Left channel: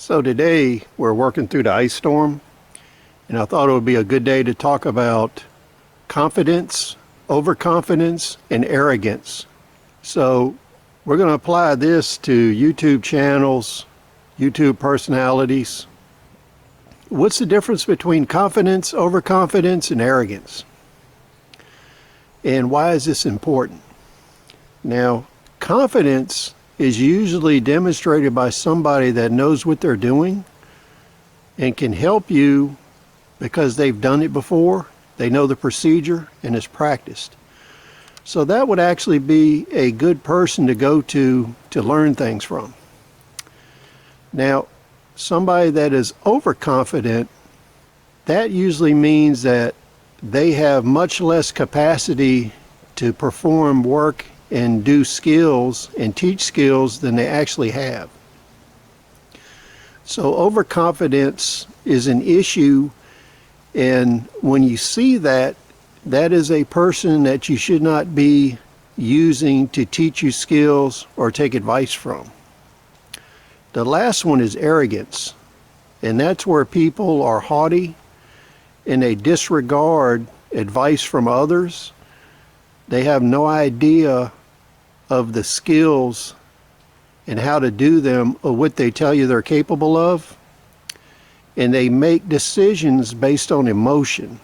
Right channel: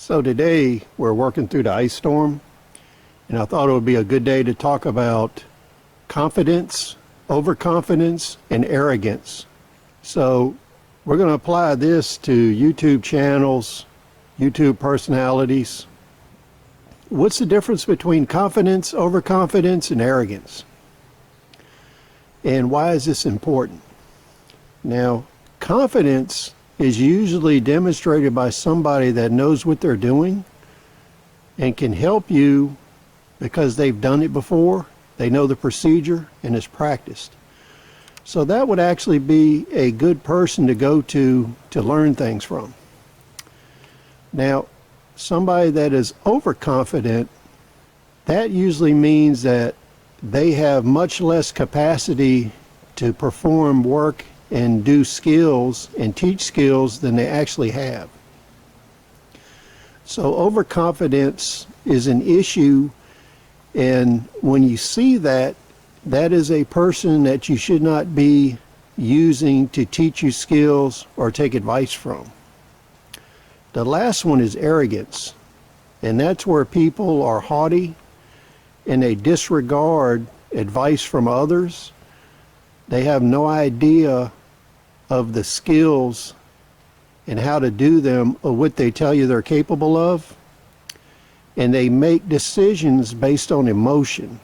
So today we're working through the ice storm, and I thought it would be a good day to talk about confidence, overconfidence, and arrogance. So we're going to apply this to YouTube channels, YouTube personalities. What's the difference between confidence, overconfidence, and arrogance? And why is this important? Now, confidence is usually demonstrated by somebody that knows what they're doing and can help you because they've done it before, they know the procedure, and it's practiced. So that would actually be a good person to go to learn things from. Now, somebody that is overconfident, that usually means that they have much less capacity to perform work and do skills and teach skills than they actually have. So overconfidence is an issue, and when you see that, that is a person that you should not be using to teach you skills or take advice from. The last one is arrogance, and that's where people are haughty and they disregard advice from others. They have no idea of the skills and how to do them or what they tell you they're capable of, and they make decisions based on emotion.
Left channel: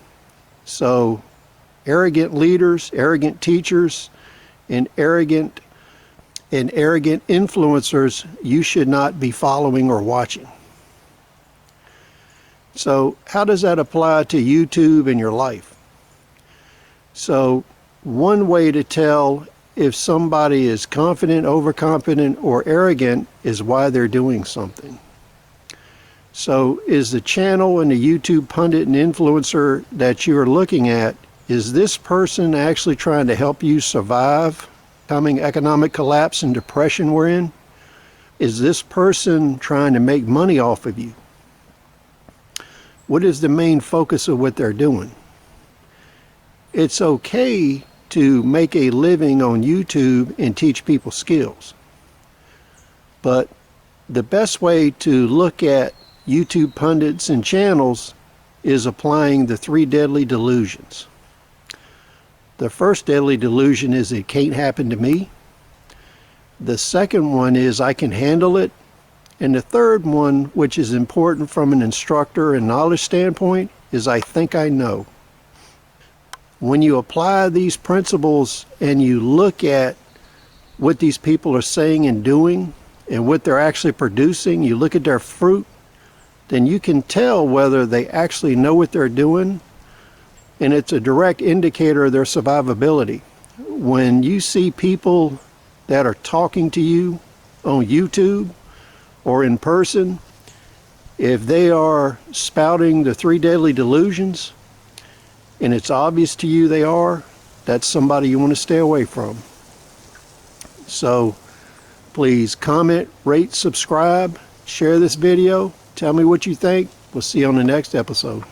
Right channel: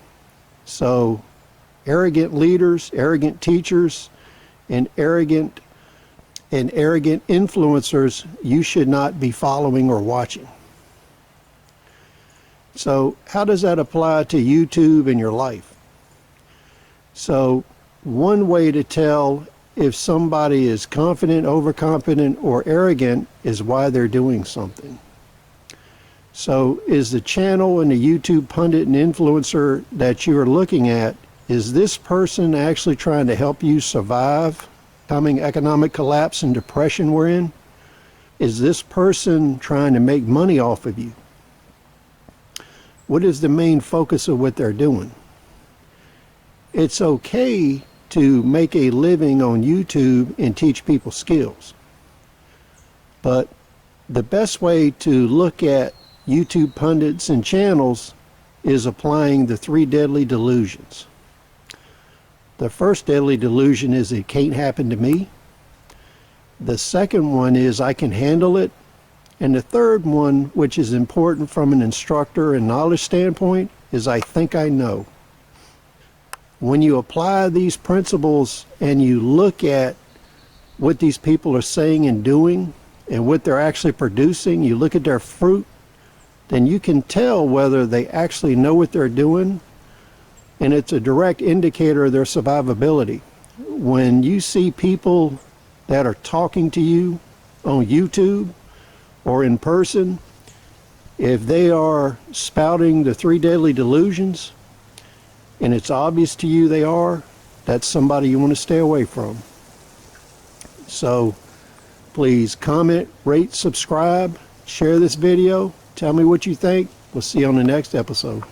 So arrogant leaders, arrogant teachers, and arrogant influencers you should not be following or watching. So how does that apply to YouTube and your life? So one way to tell if somebody is confident, overconfident, or arrogant is why they're doing something. So is the channel and the YouTube pundit and influencer that you are looking at, is this person actually trying to help you survive coming economic collapse and depression we're in? Is this person trying to make money off of you? What is the main focus of what they're doing? It's okay to make a living on YouTube and teach people skills, but the best way to look at YouTube pundits and channels is applying the 3 deadly delusions. The first deadly delusion is it can't happen to me. The second one is I can handle it. And the third one, which is important from an instructor and knowledge standpoint, is I think I know. When you apply these principles and you look at what these people are saying and doing and what they're actually producing, you look at their fruit, then you can tell whether they actually know what they're doing, and it's a direct indicator of their survivability. When you see people that are talking to you on YouTube or in person, if they are spouting the 3 deadly delusions, and it's obvious to you they are, that's somebody you want to stay away from. So please comment, rate, subscribe, share this video, tell me what you think. We'll see you on the next episode.